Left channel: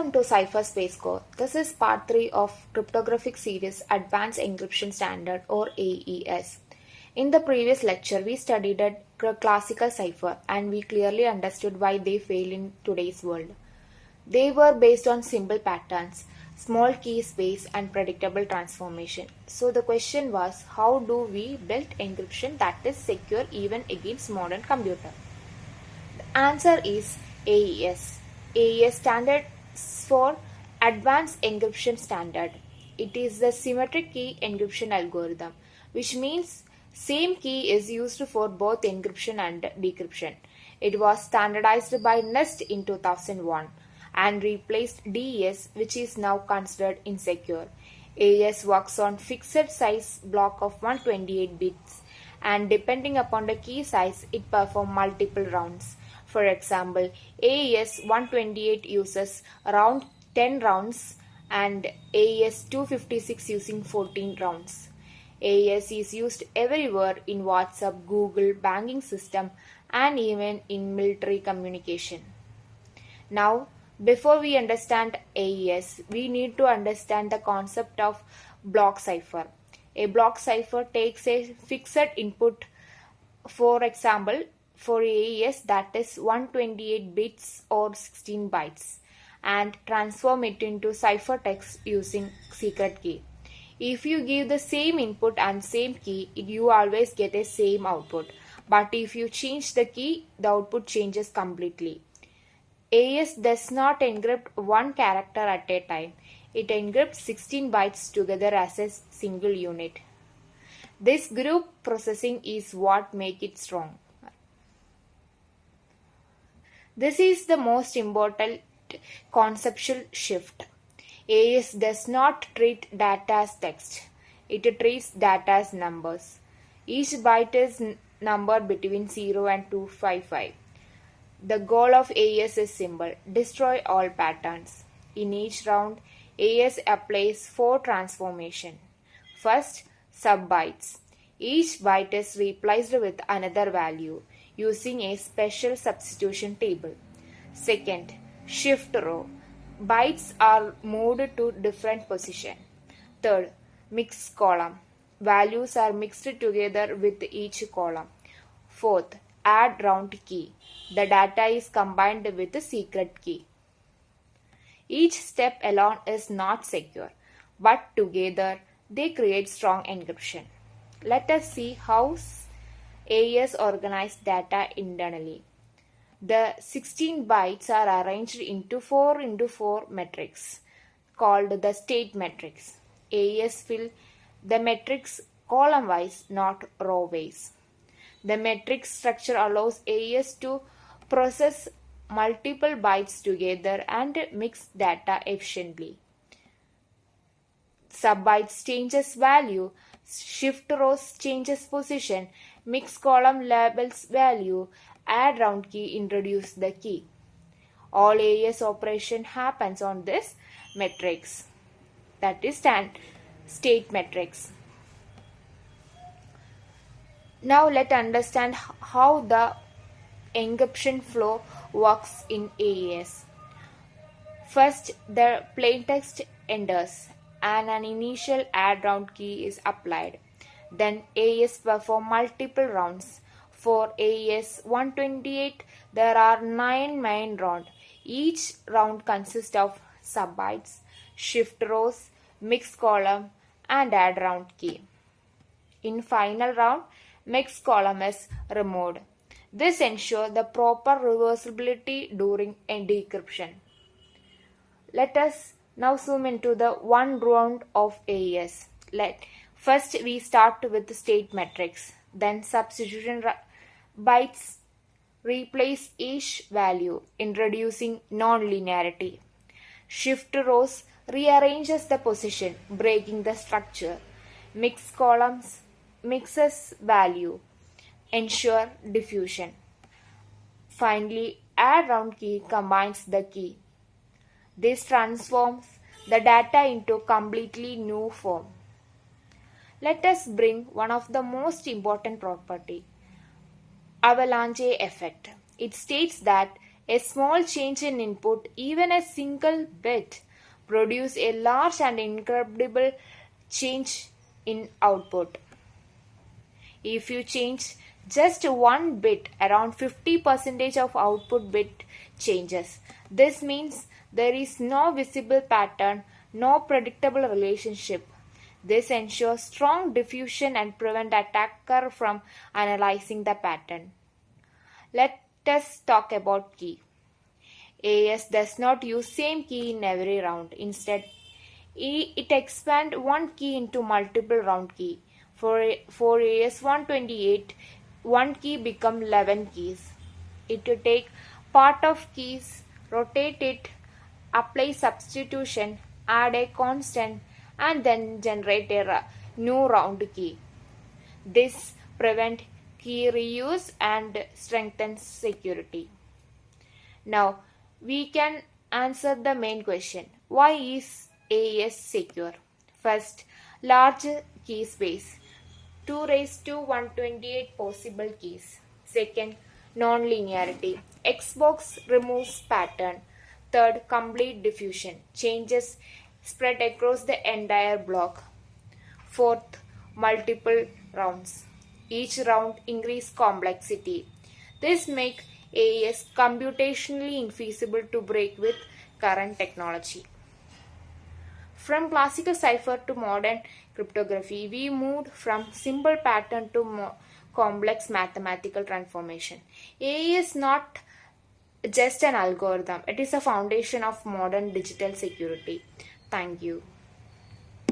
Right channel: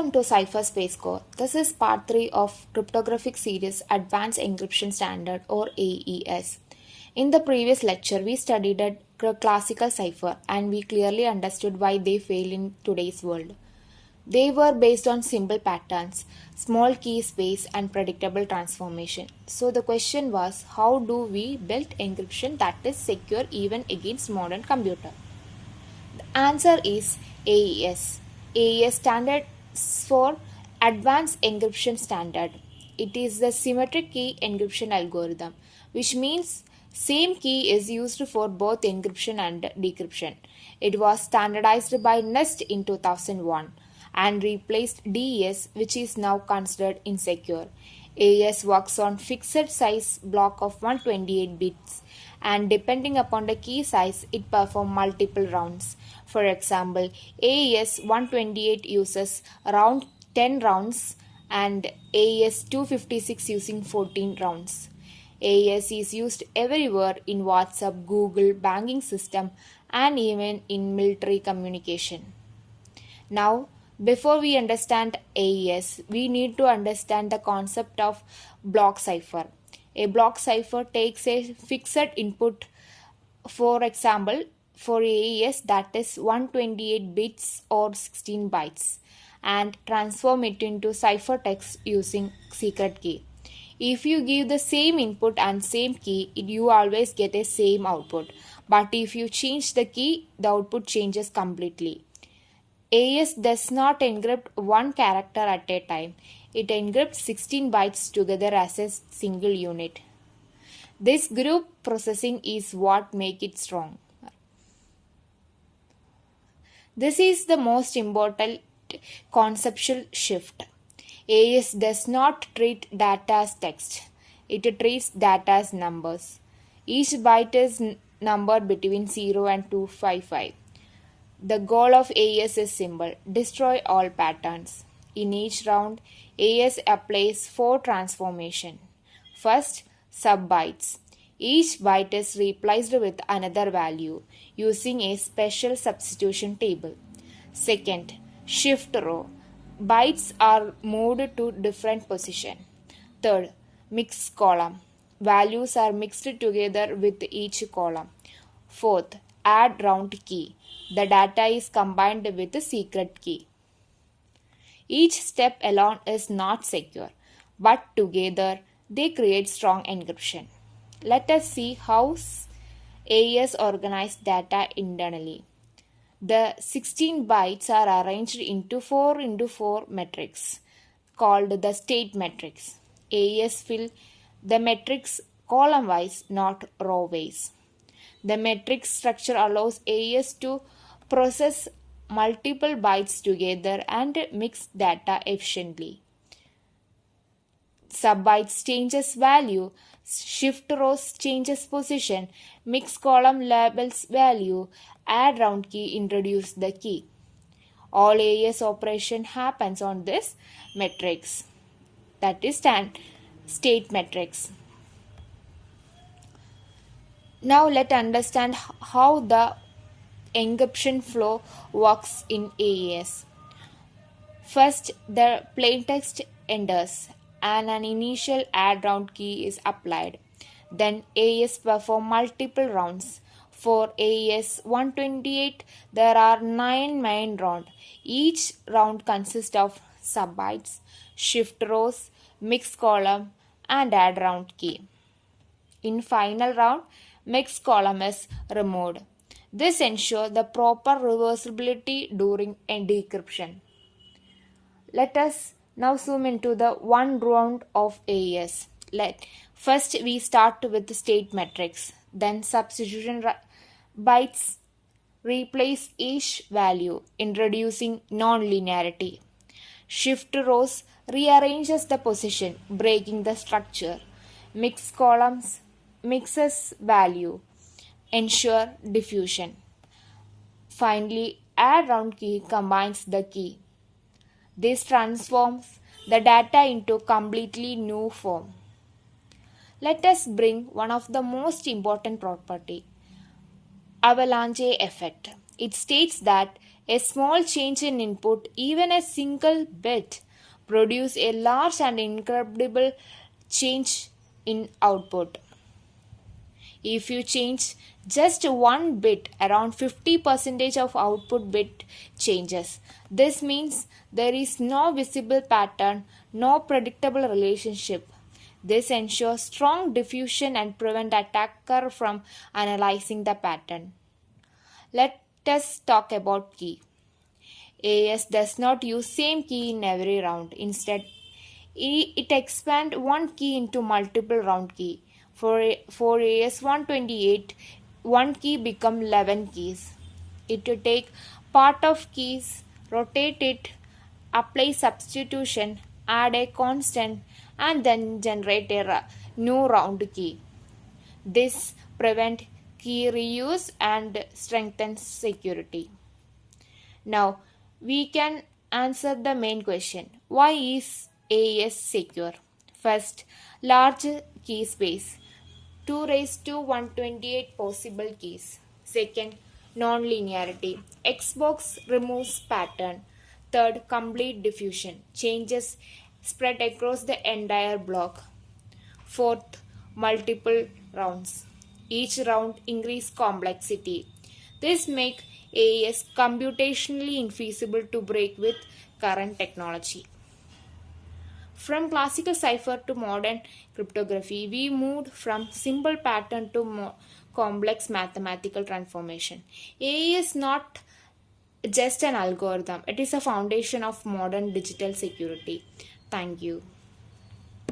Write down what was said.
Welcome to Cipher Space Core. This is part 3 of cryptographic series Advanced Encryption Standard or AES. In the previous lecture, we studied a classical cipher and we clearly understood why they fail in today's world. They were based on simple patterns, small key space and predictable transformation. So the question was, how do we build encryption that is secure even against modern computer? The answer is AES. AES standard for Advanced Encryption Standard. It is the symmetric key encryption algorithm, which means same key is used for both encryption and decryption. It was standardized by NIST in 2001 and replaced DES, which is now considered insecure. AES works on fixed size block of 128 bits, and depending upon the key size, it performs multiple rounds. For example, AES 128 uses around 10 rounds and AES 256 using 14 rounds. AES is used everywhere in WhatsApp, Google, banking system, and even in military communication. Now, before we understand AES, we need to understand the concept of block cipher. A block cipher takes a fixed input, for example, for AES that is 128 bits or 16 bytes, and transform it into ciphertext using secret key. If you give the same input and same key, you always get a same output. But if you change the key, the output changes completely. AES does not encrypt one character at a time. It encrypts 16 bytes together as a single unit. This group processing is what makes it strong. This is the most important conceptual shift. AES does not treat data as text. It treats data as numbers. Each byte is numbered between 0 and 255. The goal of AES is simple: destroy all patterns. In each round, AES applies 4 transformations. First, subbytes. Each byte is replaced with another value using a special substitution table. Second, shift row. Bytes are moved to different position. Third, mix column. Values are mixed together with each column. Fourth, add round key. The data is combined with the secret key. Each step alone is not secure, but together they create strong encryption. Let us see how AES organizes data internally. The 16 bytes are arranged into 4x4 matrix called the state matrix. AES fill the matrix column-wise, not row-wise. The matrix structure allows AES to process multiple bytes together and mix data efficiently. Subbytes changes value, shift rows changes position, mix column labels value, add round key introduce the key. All AES operation happens on this matrix, that is state matrix. Now let's understand how the encryption flow works in AES. First, the plaintext enters and an initial add round key is applied. Then AES performs multiple rounds. For AES 128, there are 9 main rounds. Each round consists of subbytes, shift rows, mix column, and add round key. In final round, mix column is removed. This ensures the proper reversibility during decryption. Let us now zoom into the one round of AES. First we start with the state matrix. Then substitution bytes replace each value, introducing non-linearity. Shift rows rearranges the position, breaking the structure. Mix columns mixes value, ensure diffusion. Finally, add round key combines the key. This transforms the data into completely new form. Let us bring one of the most important property, avalanche effect. It states that A small change in input, even a single bit, produce a large and incredible change in output. If you change just one bit, around 50% of output bit changes. This means there is no visible pattern, no predictable relationship. This ensures strong diffusion and prevent attacker from analyzing the pattern. Let us talk about key. AES does not use same key in every round. Instead, it expands one key into multiple round key. For AES 128, one key become 11 keys. It will take part of keys, rotate it, apply substitution, add a constant, and then generate a new round key. This prevents key reuse and strengthens security. Now, we can answer the main question. Why is AES secure? First, large key space. 2 raised to 128 possible keys. Second, non-linearity. Xbox removes pattern. Third, complete diffusion. Changes spread across the entire block. Fourth, multiple rounds. Each round increase complexity. This makes AES computationally infeasible to break with current technology. From classical cipher to modern cryptography, we moved from simple pattern to complex mathematical transformation. AES is not just an algorithm, it is a foundation of modern digital security. Thank you.